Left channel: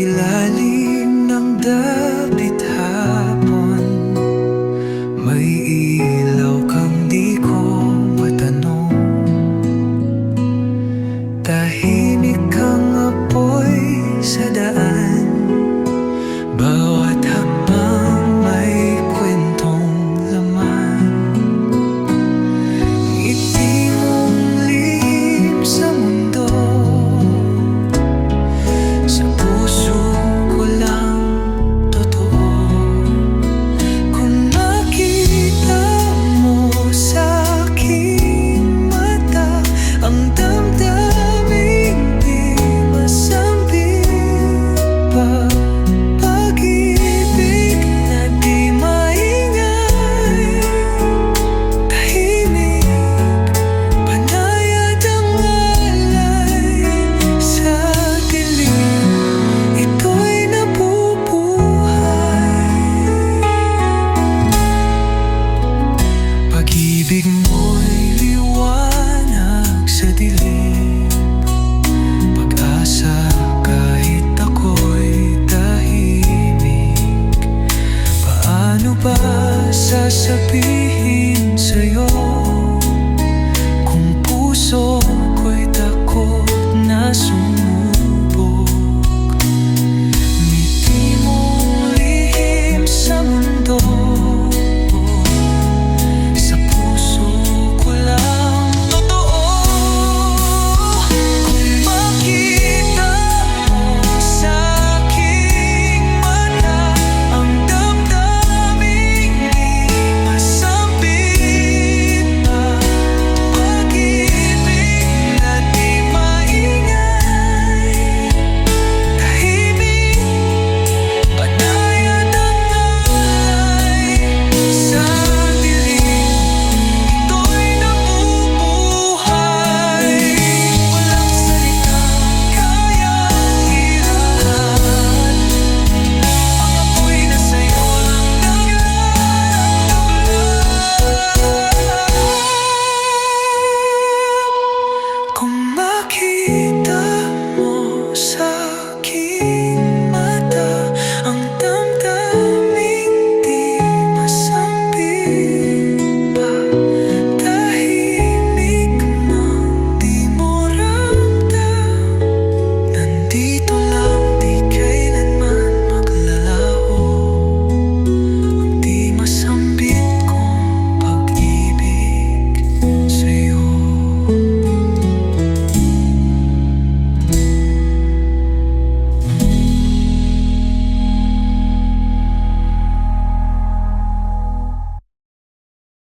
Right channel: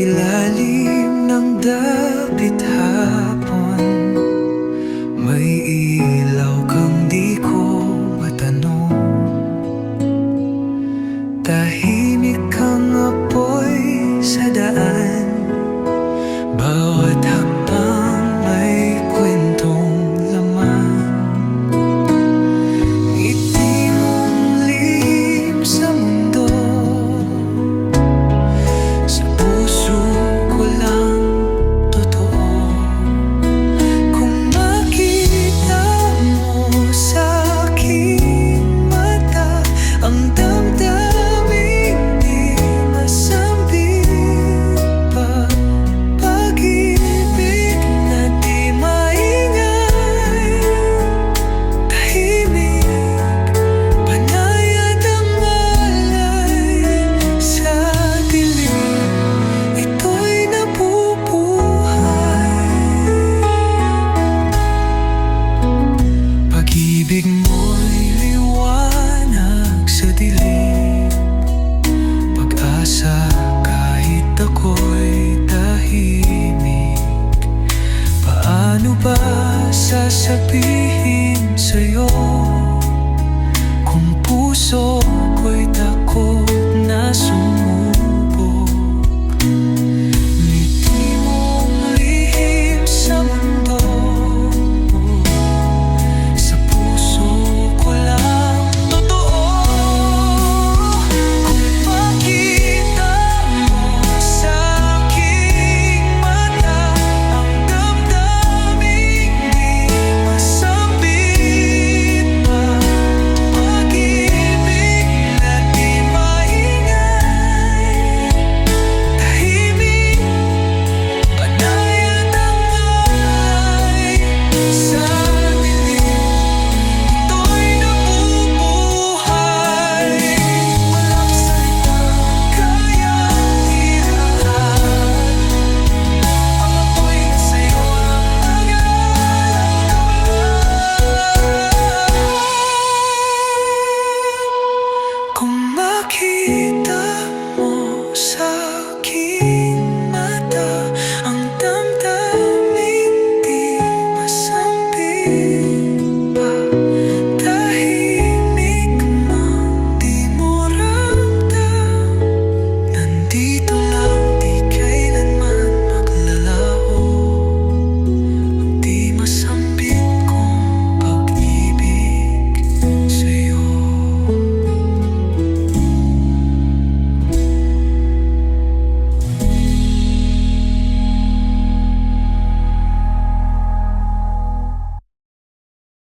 ilalim ng dapit hapon, may ilaw kang di ko matanong. Tahimik kang apoy sa daan, bawat hakbang may kwentong laman. Ngiti mong lihim sa mundo, sa puso ko lang totoo. Kung makita mo sa aking mata ang damdaming di masambit pa, pag-ibig na di maingay, tahimik, banayad ang alay sa dilim. Ito'y nabubuhay. Pag-ibig mo'y liwanag sa dilim, pag-asa kahit ako'y tahimik. Paano ba sasabihin sa'yo kung puso ko'y takot na sumubok? Ngiti mong lihim sa mundo, sa puso ko lang totoo. Kung makita mo sa aking mata ang damdaming di masambit pa, pag-ibig na di maingay, tahimik, banayad ang alay sa dilim. Ito'y nabubuhay. Walang salitang kayang irahat, ang apoy na sa'yo lang naglalagablab. Kung makita mo sa aking mata ang damdaming di masambit pa, tahimik mang di mo ramdam, nandito lang, di kailanman maglalaho ang di masambit.